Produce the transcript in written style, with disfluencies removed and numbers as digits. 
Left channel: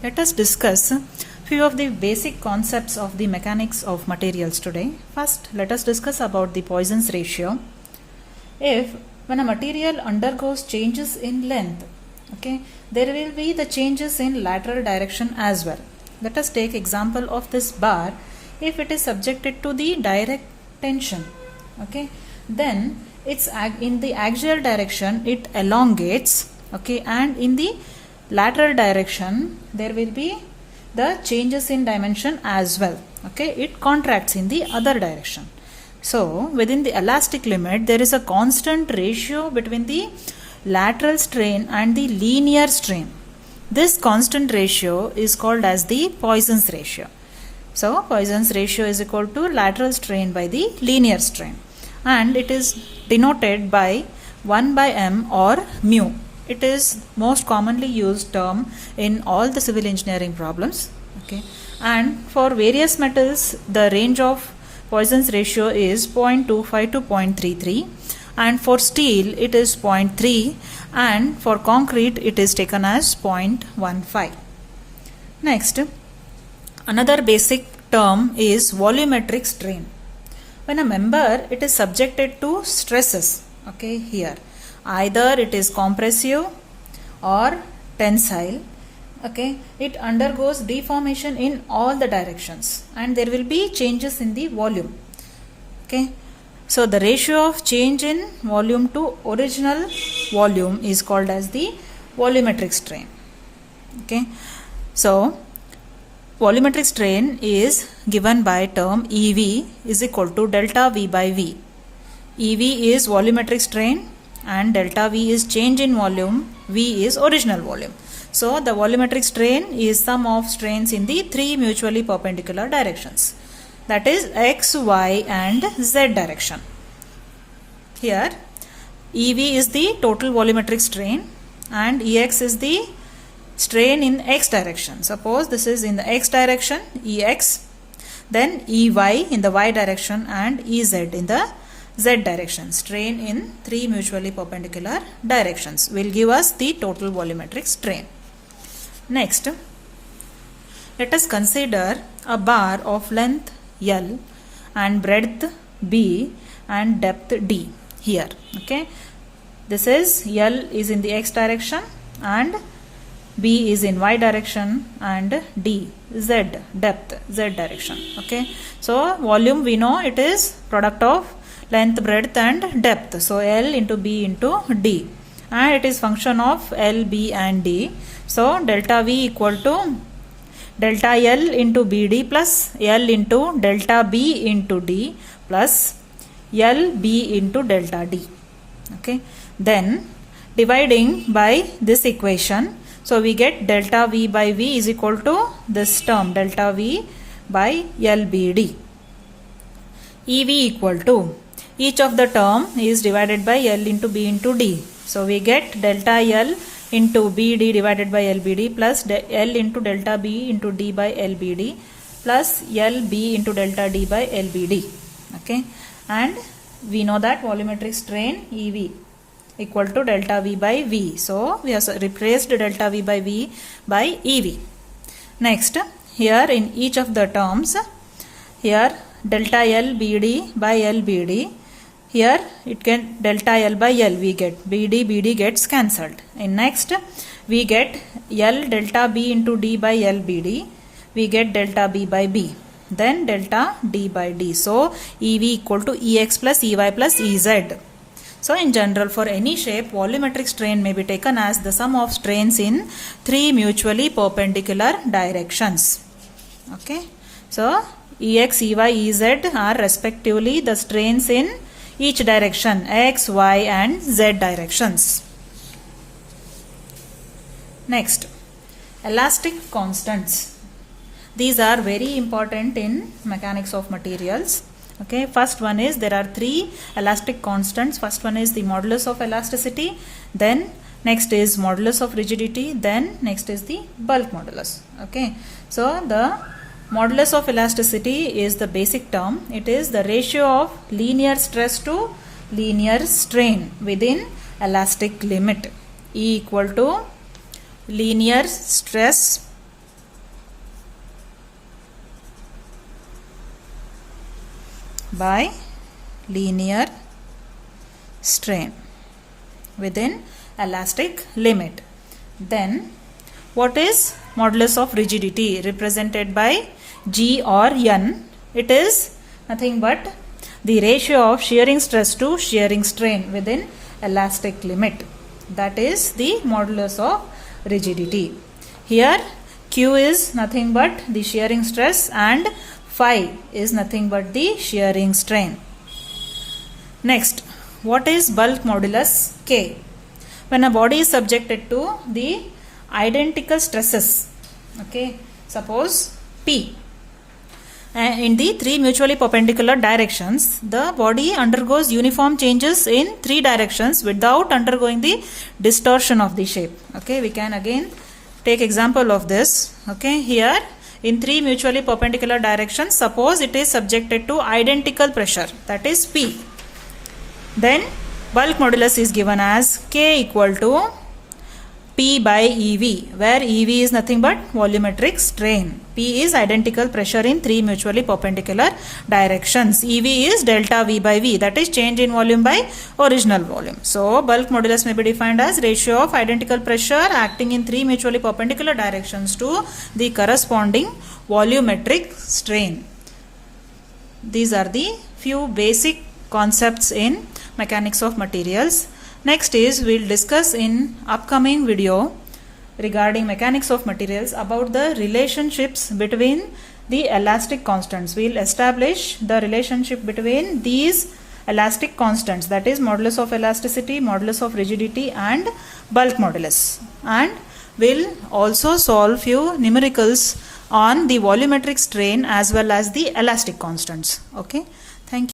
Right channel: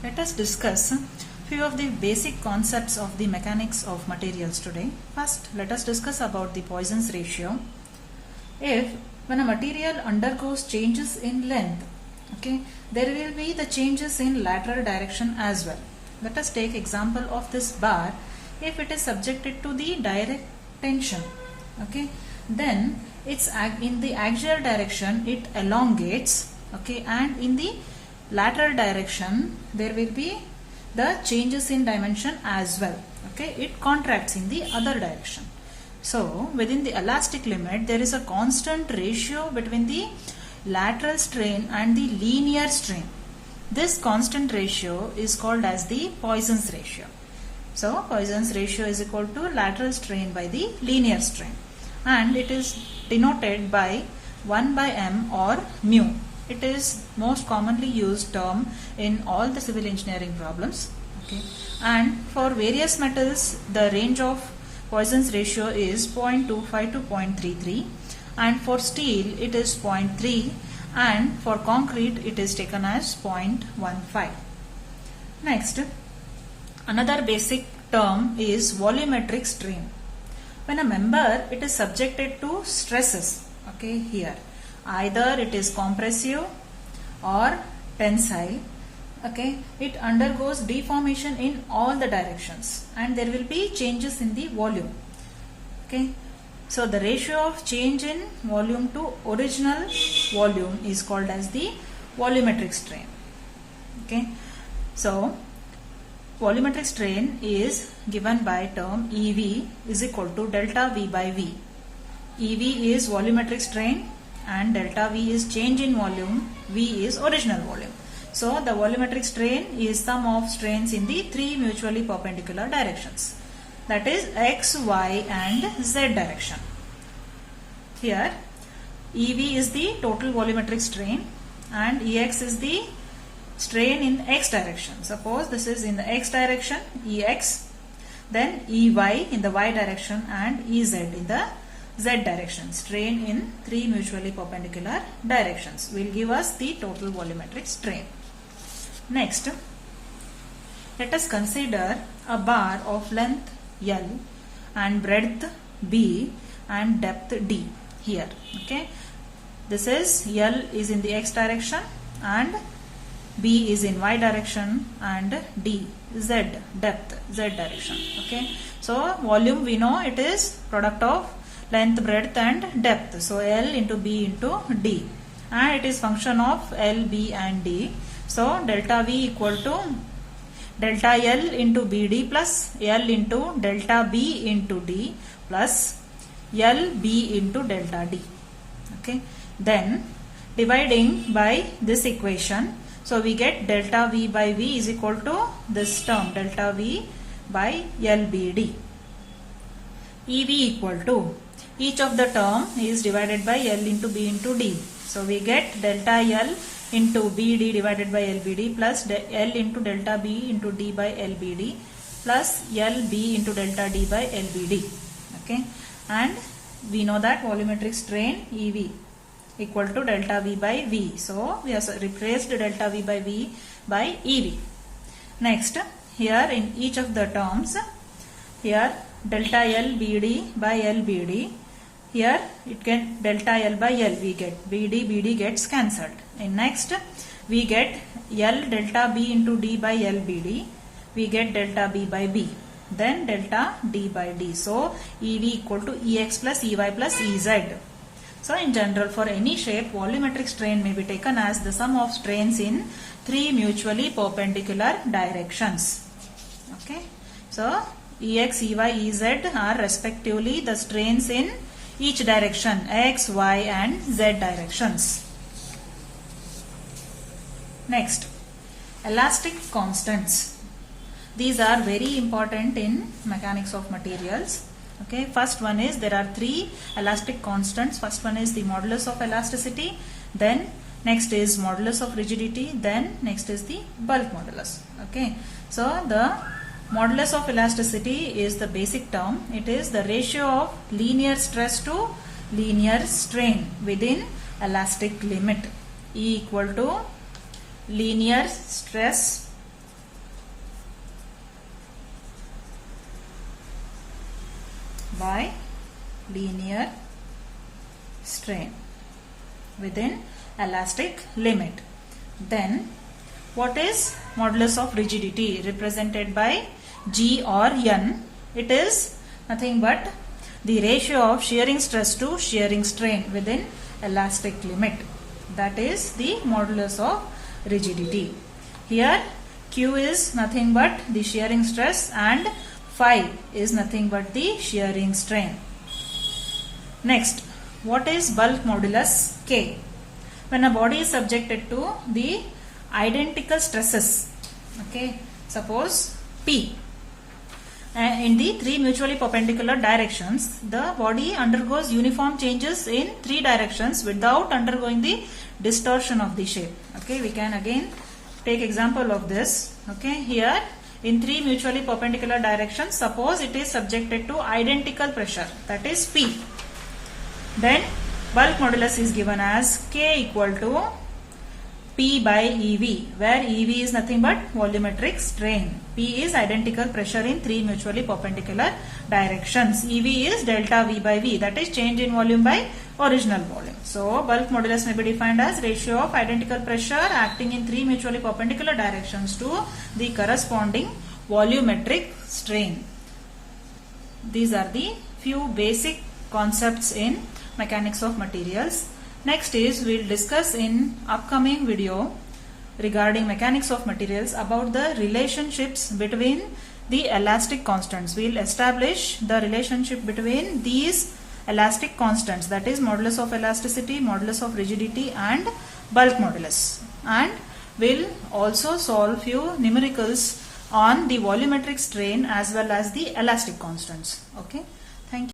Let us discuss few of the basic concepts of the mechanics of materials today. First, let us discuss about the Poisson's ratio. If when a material undergoes changes in length, there will be the changes in lateral direction as well. Let us take example of this bar. If it is subjected to the direct tension, then it's in the axial direction it elongates, and in the lateral direction there will be the changes in dimension as well. It contracts in the other direction. So within the elastic limit there is a constant ratio between the lateral strain and the linear strain. This constant ratio is called as the Poisson's ratio. So Poisson's ratio is equal to lateral strain by the linear strain, and it is denoted by 1 by m or mu. It is most commonly used term in all the civil engineering problems. And for various metals the range of Poisson's ratio is 0.25 to 0.33, and for steel it is 0.3, and for concrete it is taken as 0.15. Next, another basic term is volumetric strain. When a member it is subjected to stresses, here either it is compressive or tensile, it undergoes deformation in all the directions and there will be changes in the volume. So the ratio of change in volume to original volume is called as the volumetric strain. So volumetric strain is given by term EV is equal to delta V by V. EV is volumetric strain and delta V is change in volume, V is original volume. So the volumetric strain is sum of strains in the three mutually perpendicular directions, that is x, y and z direction. Here EV is the total volumetric strain and EX is the strain in x direction. Suppose this is in the x direction, EX, then EY in the y direction and EZ in the z direction. Strain in three mutually perpendicular directions will give us the total volumetric strain. Next, let us consider a bar of length L and breadth B and depth D here. This is L is in the x direction and B is in y direction and D Z depth Z direction. So volume we know it is product of length, breadth and depth. So L into B into D, and it is function of L, B and D. So delta V equal to delta L into BD plus L into delta B into D plus L B into delta D. Then dividing by this equation, so we get delta V by V is equal to this term delta V by LBD. EV equal to each of the term is divided by L into B into D. So we get delta L into BD divided by LBD plus L into delta B into D by LBD plus LB into delta D by LBD. And we know that volumetric strain EV equal to delta V by V. So we have replaced delta V by V by EV. Next, here in each of the terms, here delta L BD by LBD, here it can delta L by L we get, BD gets cancelled. And next we get L delta B into D by LBD, we get delta B by B, then delta D by D. So EV equal to EX plus EY plus EZ. So in general for any shape volumetric strain may be taken as the sum of strains in three mutually perpendicular directions. So EX, EY, EZ are respectively the strains in each direction, X, Y and Z directions. Next, elastic constants. These are very important in mechanics of materials. First one is there are three elastic constants. First one is the modulus of elasticity, then next is modulus of rigidity, then next is the bulk modulus. So the modulus of elasticity is the basic term. It is the ratio of linear stress to linear strain within elastic limit. E equal to linear stress by linear strain within elastic limit. Then what is modulus of rigidity, represented by G or N? It is nothing but the ratio of shearing stress to shearing strain within elastic limit. That is the modulus of rigidity. Here Q is nothing but the shearing stress and phi is nothing but the shearing strain. Next, what is bulk modulus K? When a body is subjected to the identical stresses, okay, suppose P, in the three mutually perpendicular directions, the body undergoes uniform changes in three directions without undergoing the distortion of the shape. Okay, we can again take example of this. Okay, here in three mutually perpendicular directions, suppose it is subjected to identical pressure, that is P. Then bulk modulus is given as K equal to P by EV, where EV is nothing but volumetric strain. P is identical pressure in three mutually perpendicular directions. EV is delta V by V, that is change in volume by original volume. So bulk modulus may be defined as ratio of identical pressure acting in three mutually perpendicular directions to the corresponding volumetric strain. These are the few basic concepts in mechanics of materials. Next is we'll discuss in upcoming video regarding mechanics of materials about the relationships between the elastic constants. We'll establish the relationship between these elastic constants, that is modulus of elasticity, modulus of rigidity and bulk modulus. And we'll also solve few numericals on the volumetric strain as well as the elastic constants. Okay.